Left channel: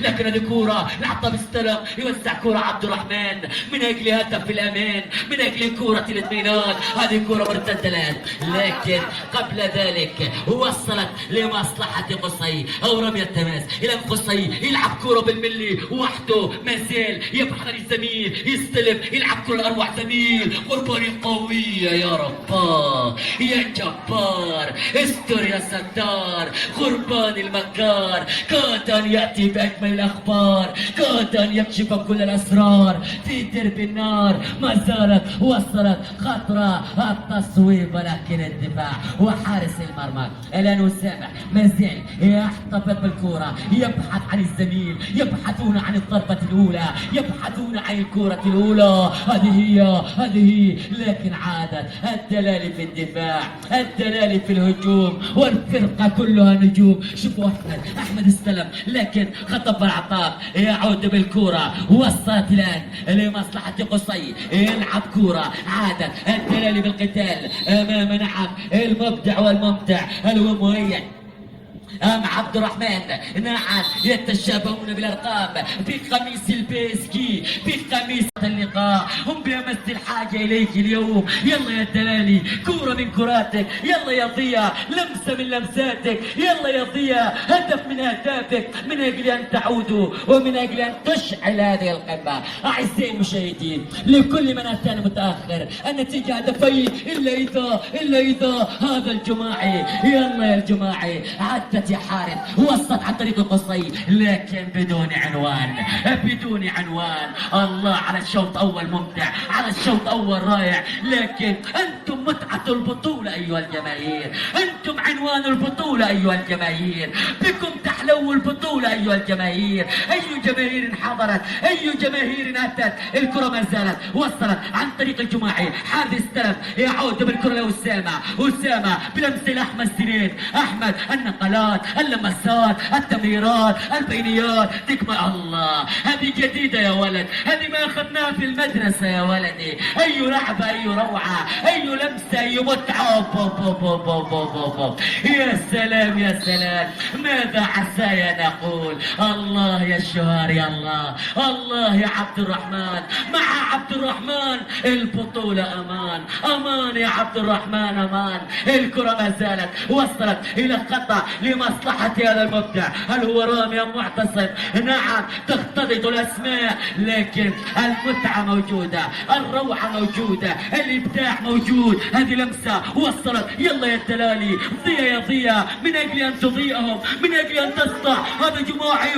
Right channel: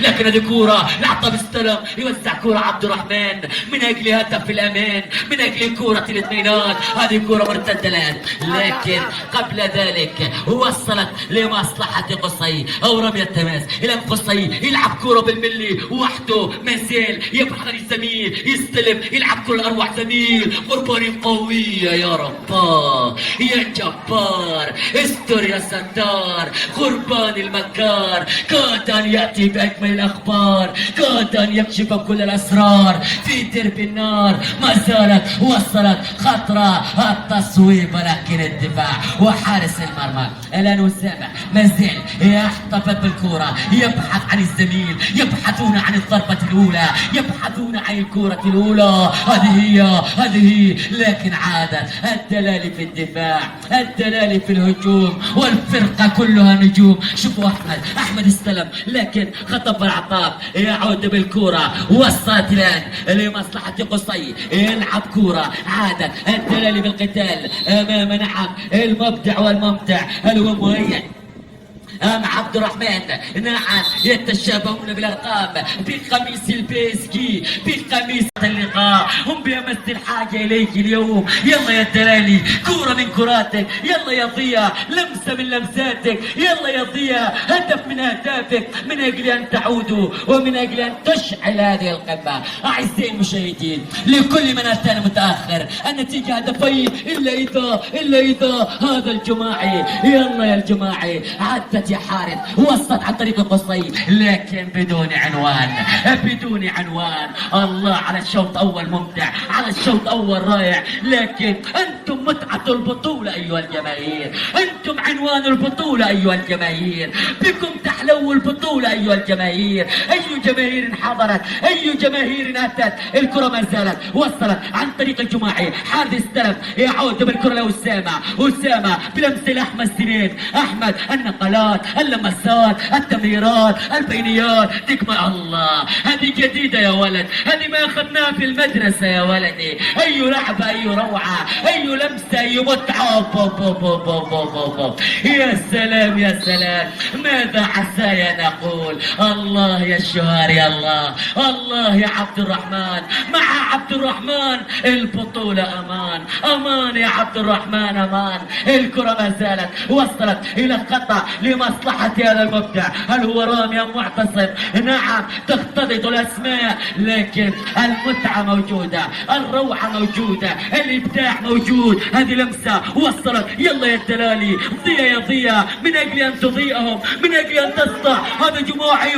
لكن هذه كورة لعطها بيستلم يوزع كورة عبد الرحمن من أجل هدف في الأمان، من أجل كورة الاطمئنان. هذه كورة مرتدة الآن، لكن قبل ذلك وصلت لمصلحة قصي أو رمي التماس إلى قصي. يلعب كورة بالملي وحده، ما زال يبحث عن الزميل، يستلم يلعب كل أروع زميل. قرباني قوية يا رباه يا جبار، استر يا ستار. قربان المكار كاد أن يأتي بأجمل الأخبار، كاد أن يكشف كل الأسرار في درب النار. ما زالت وصلت خطرة التصويب، ولكن الدفاع وحارس المرمى الآن أسامة ما زال يحتفظ بالكرة، يبحث عن الزميل، يبحثون عن الضربة الأولى، يبحثون عن الكرة الأولى. هذه لكن عادت الدلال في الدفاع، الدلال في الهجوم، والفرقة كلها نجوم. شوفوا أحمد استلم لكن خطف العطاف، يعود بالكرة. وصلت الآن لمصلحة قصي، يلعب كرة. عادت الدلال بالقتال أمام نعم المبدع والممتع المهيئ عبد الرحمن. نعم يتشابهون بالارقام بقميص البيسكي، بقميص اللقاء. هم بأمس الحاجة اليك اليوم. يلا يا الدلالي، كورة من كراتك، يلا يا ضياء، لمسة من لمساتك، يلا يا ضياء، هدف من اهدافك، من اجل ان تعودوا ومن اجل ان تشعل هذه القمة. اعزائي المشاهدين، لكل من اتانا متاخر النتيجة هدفين الا اذا هذا الجماعي. يلا يا الجماعي، عدت يا حارث، وصلت عن طريق القصي لكن بدون عنوان، بدون عنوان. الله على الشوط اول ممتع، على الشوط اول رائع، لكن انتم متعة البطولة ايها الجماهير، انتم عنوان البطولة ايها الجماهير، بكم تحلو البطولة ايها الجماهير. اي جماهير حضرت، اي جماهير اتت. الكرة ما زالت وصلت عن طريق الجماعي. حارث استلم، يعود بالكرة لأسامة، أسامة بلمس لأحمد سنين. احمد النقلات، اللمسات، التمريرات، البينيات، تكمل. الله هذه جديدة يا ولد، هذه ما اخذناها في المدرسة يا ولدي. اي لعبة، اي روعة، اي لمسة، اي متعة. يا سلام يا سلام، ماذا عساي نقول. الله يا الشهر يا الله، الله يا عبد الرحمن. مع عبد الرحمن البطولة امان، امان يا عبد الرحمن، امان. الكرة ما زالت وصلت الى الخطأ لمصلحة هذا المبدع. هل هو رامي ام معتصم؟ نعم تختلط الاسماء، لكن المتعة موجودة، الروعة موجودة، الابداع موجود. هذه لمسة وصلت. يلا يا الدلالي، ضيا يا ضيا، من اجل ان تضيئهم، من اجل ان تصنع هذا جماعي.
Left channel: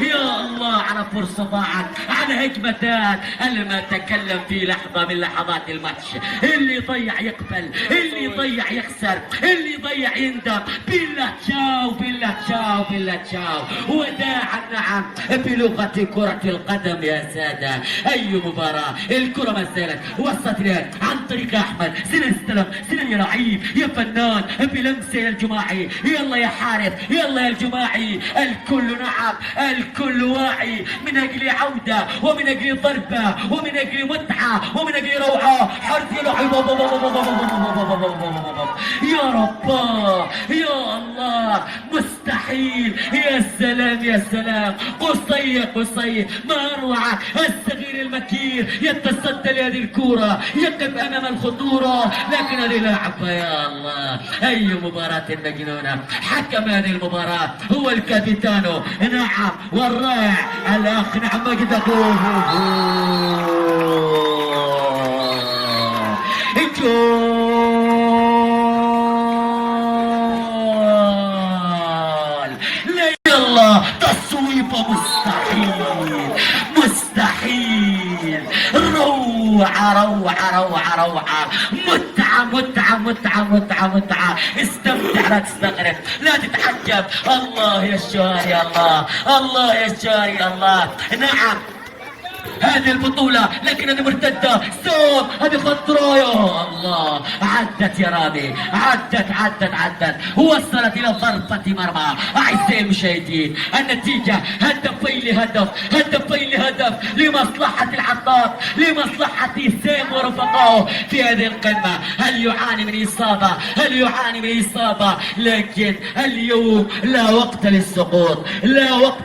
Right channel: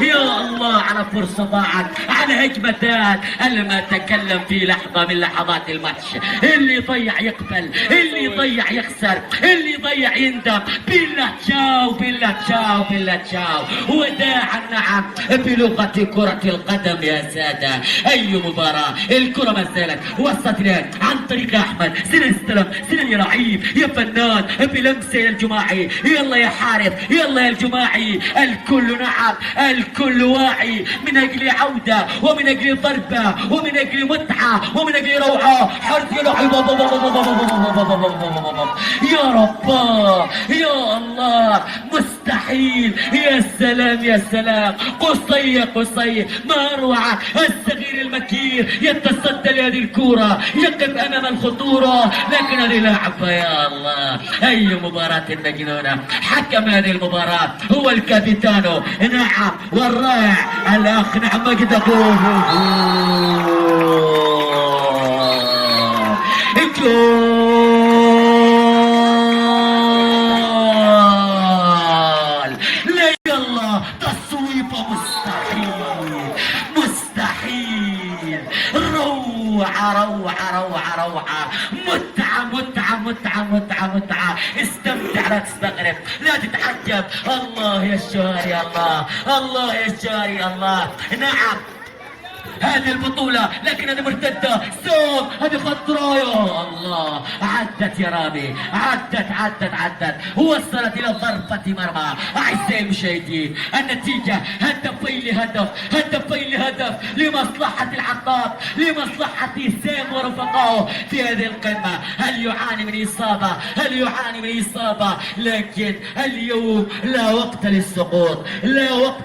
يا الله على فرصة ضاعت، على هجمتات. انا ما اتكلم في لحظة من لحظات الماتش. اللي ضيع يقبل، اللي ضيع يخسر، اللي ضيع يندم. بالله تشاو، بالله تشاو، بالله تشاو. وداعا نعم بلغة كرة القدم يا سادة. اي مباراة. الكرة ما زالت وصلت الان عن طريق احمد سنن. استلم سنن يا لعيب يا فنان بلمسة يا الجماعي. يلا يا حارث، يلا يا الجماعي. الكل نعم الكل واعي من اجل عودة ومن اجل ضربة ومن اجل متعة ومن اجل روعة. حارث يا لعيب، يا رباه يا الله، مستحيل. يا سلام يا سلام. قصي يا قصي، ما اروع. الصغير المكير يتصدى لهذه الكرة، يقف امام الخطورة، لكن هذه لعبة يا الله. اي مباراة مجنونة. حكم هذه المباراة هو الكابيتانو نعم والرائع الاخ نعم مجد تصويبة مستحيل. روعة متعة. استمتع، لا تستغرب، لا تتعجب. الله يا الشهر يا الله، الله يا الشهر يا الله. نعم هذه البطولة، لكن هذه مرتدة. سوم هذه خطرة يا الله. عدت يا رامي، عدت وصلت إلى ضربة مرمى. أعزائي المشاهدين، النتيجة هدف هدفين لهدف لمصلحة العطار، لمصلحة سام ورفقائه في هذه القمة. هل يعاني من إصابة؟ لكن اليوم لا وقت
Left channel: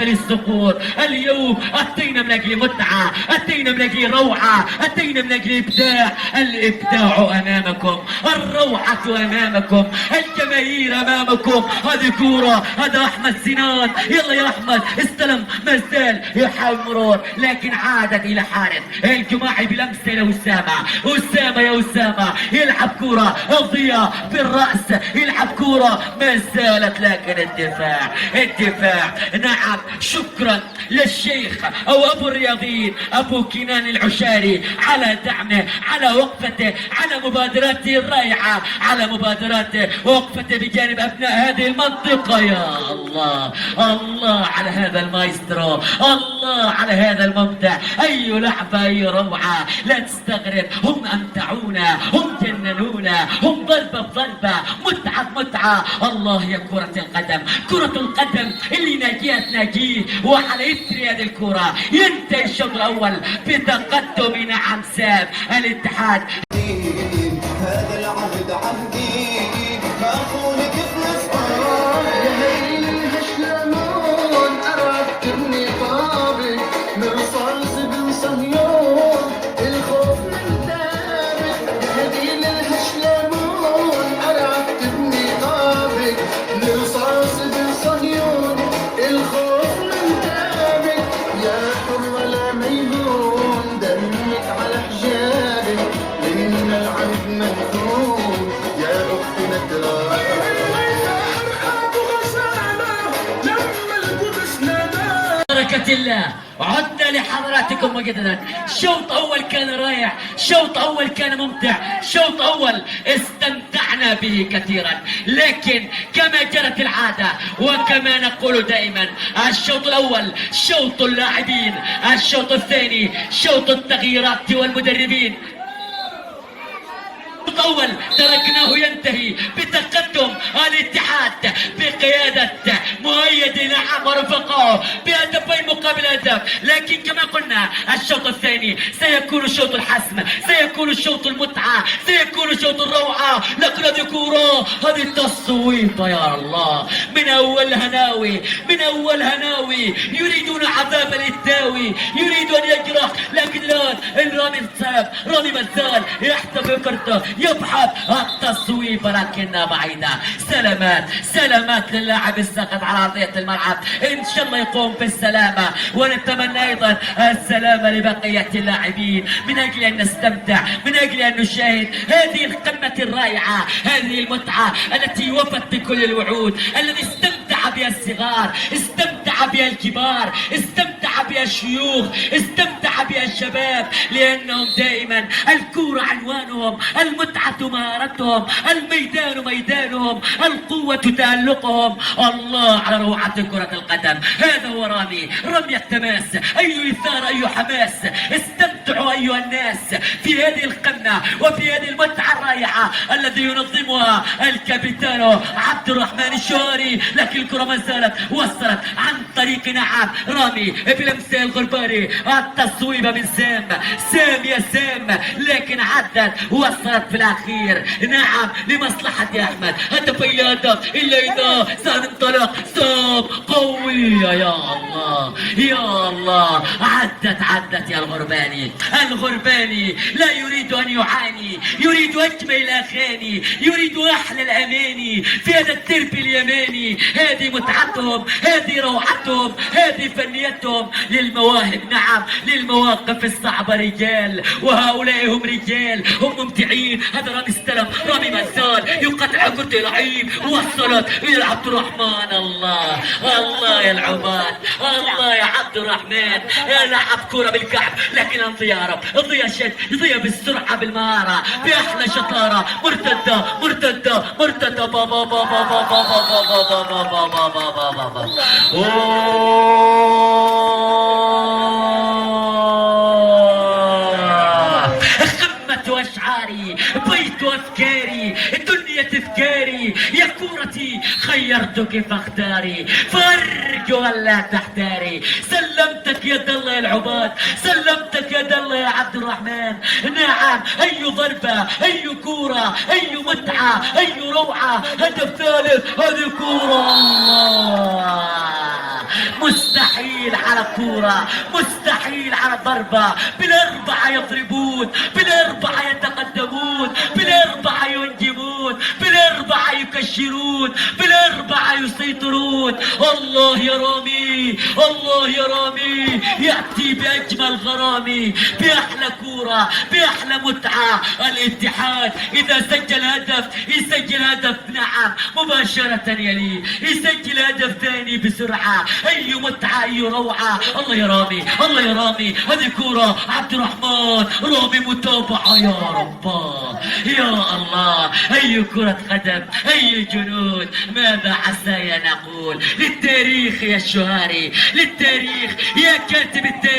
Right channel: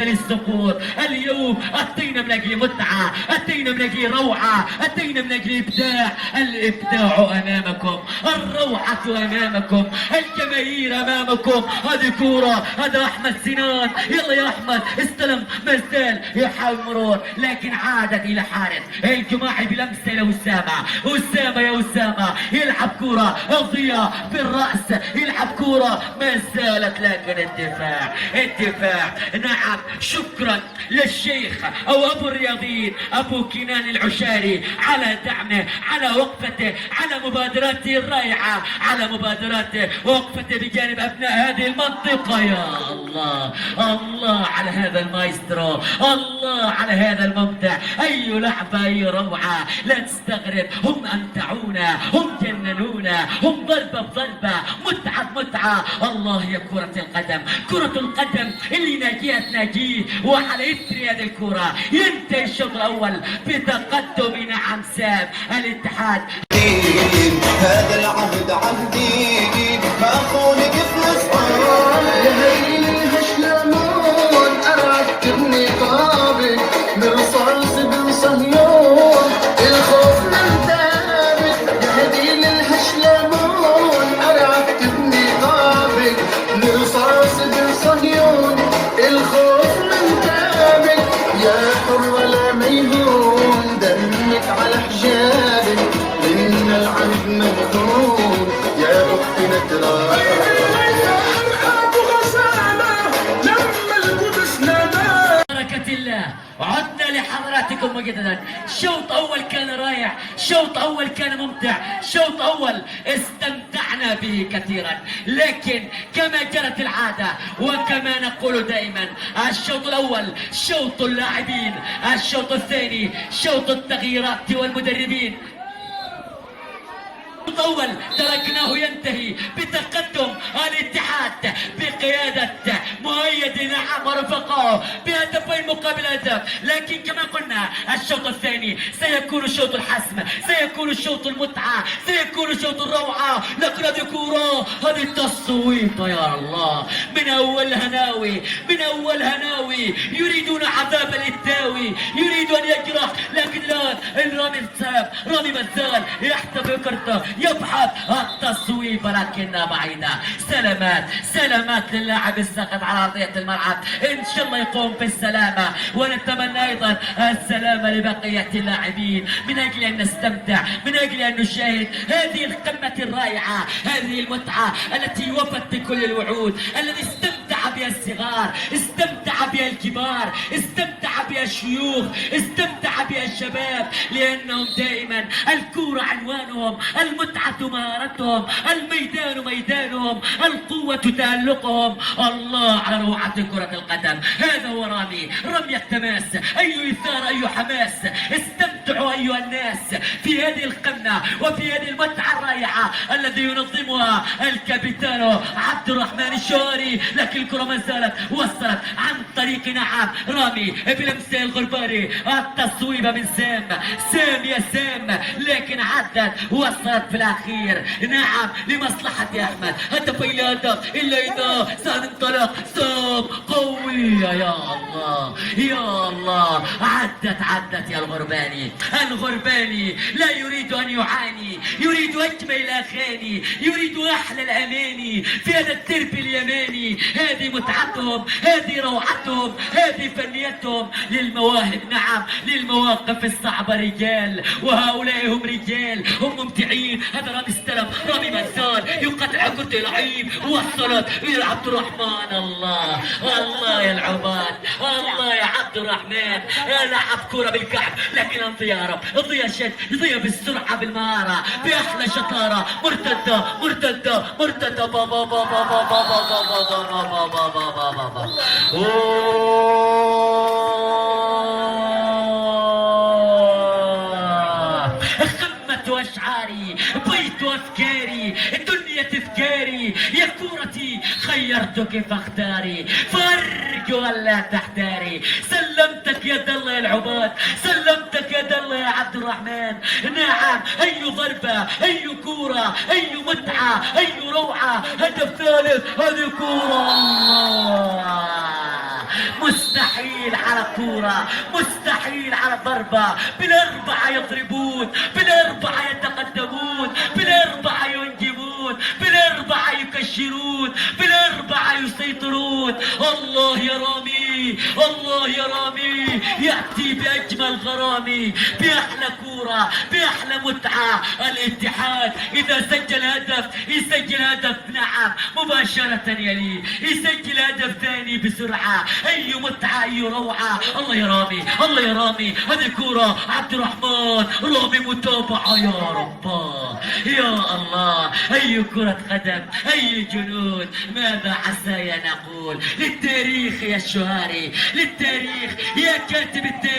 للسقوط. اليوم أتينا من أجل متعة، أتينا من أجل روعة، أتينا من أجل إبداع. الإبداع أمامكم، الروعة أمامكم، الجماهير أمامكم. هذه كورة، هذا أحمد سنان، يلا يا أحمد استلم، ما زال يحاول مرور لكن عادت إلى حارس الجماعي بلمسة إلى أسامة يا أسامة يلعب كورة الضياء بالرأس، يلعب كورة ما زالت لكن الدفاع. نعم، شكرا للشيخ أو أبو الرياضيين أبو كنان العشاري على دعمه، على وقفته، على مبادراته الرائعة، على مبادراته ووقفته بجانب أبناء هذه المنطقة. يا الله على هذا المايسترو، الله على هذا المبدع. أي لعبة، أي روعة، لا تستغرب. هم أمتعونا، هم جننونا، هم ضربة بضربة، متعة. الله يا كرة القدم اللي ناجيه. وعلى إثر هذه الكرة ينتهي الشوط الأول بتقدم نعم سام الاتحاد. هذا العهد عهدي فأخونك فلسطين يا هيل هشلمون أعدتني قابل مرصاص بن صهيون الخوف من ثابت يا هيل هشلمون أعدتني قابل مرصاص بن صهيون الخوف من ثابت يا حر لا ميلون دمك على حجابك إن العهد مهدود يا أختي بركة الله. عدنا لحضراتكم مجددا. شوط أول كان رائع، شوط أول كان ممتع، شوط أول استمتعنا به كثيرا. لكن كما جرت العادة وكما نقول دائما، الشوط الأول شوط اللاعبين، الشوط الثاني شوط التغييرات والمدربين. الأول تركناه ينتهي بتقدم الاتحاد بقيادة مؤيد نعم ورفقائه بهدفين مقابل هدف. لكن كما قلنا الشوط الثاني سيكون شوط الحسم، سيكون شوط المتعة، سيكون شوط الروعة. لكن هذه كورة، هذه التصويبة يا الله من أول هناوي يريدون عذاب الإتاوي، يريد أن يجرح. لكن الآن رامي مازال يحتفل كرته، يبحث التصويب لكنها بعيدة. سلامات للاعب الساقط على أرضية الملعب، إن شاء الله يقوم بالسلامة. ونتمنى أيضا السلامة لبقية اللاعبين من أجل أن نستمتع، من أجل أن نشاهد هذه القمة الرائعة، هذه المتعة التي وفت بكل الوعود، التي استمتع بها الصغار، استمتع بها الكبار، استمتع بها الشيوخ، استمتع بها الشباب. لأنهم دائما الكورة عنوانهم، المتعة مهارتهم، الميدان ميدانهم، القوة تألقهم. الله على روعة كرة القدم. هذا هو رمي التماس. أي إثارة، أي حماس. استمتعوا أيها الناس في هذه القمة وفي هذه المتعة الرائعة الذي ينظمها الكابتن عبد الرحمن الشواري. لكن الكرة ما زالت وصلت عن طريق نعم رامي بلمسه الغرباني، التصويبة من سام يا سام، لكن عدت وصلت في الأخير نعم لمصلحة يا أحمد. هدف إلى هدف، إلا إذا سام انطلق، سام قوية. يا الله عدت يا الغرباني لا يريد أن يعاني، يريد أجمل الأغاني، يريد أحلى الأماني في هذا الدرب اليماني. هذه متعتهم، هذه روعتهم، هذه فنيتهم للمواهب. نعم، للمواقف الصعبة رجال، وهؤلاء هم رجال، هم ممتعين. هذا رامي استلم، رامي مازال يقطع كرة لعيب، وصلت إلى عبد الرحمن. الله يا العباد، الله يا عبد الرحمن، لعب كرة بالكعب. لكن انضيا يضيع بالسرعة، بالمهارة، بأحلى شطارة. مرتدة بابا أشعاري، بيت أفكاري، دنيا تذكاري. يا كورتي خير خيرتك فاختاري، فارجو ألا تحتاري. سلمتك يد الله يا العباد، سلمتك يد الله يا عبد الرحمن. نعم، أي ضربة، أي كورة، أي متعة، أي روعة. هدف ثالث، هذه كورة. الله، مستحيل على كورة، مستحيل على ضربة. بالأربعة يضربون، بالأربعة يتقدمون، بالأربعة ينجمون، بالأربعة يكشرون، بالأربعة يسيطرون. الله يا رامي، الله يا رامي يأتي بأجمل غرامي، بأحلى كورة، بأحلى متعة. الاتحاد إذا سجل هدف يسجل هدف، نعم مباشرة يليه يسجل هدف ثاني بسرعة. أي متعة، أي روعة. الله يا رامي، الله يا رامي. هذه كورة عبد الرحمن، رامي متابعة. يا رب، يا الله، أي كرة قدم، أي جنود. ماذا عسى نقول للتاريخ يا الشهاري، للتاريخ يا كاتب التاريخ.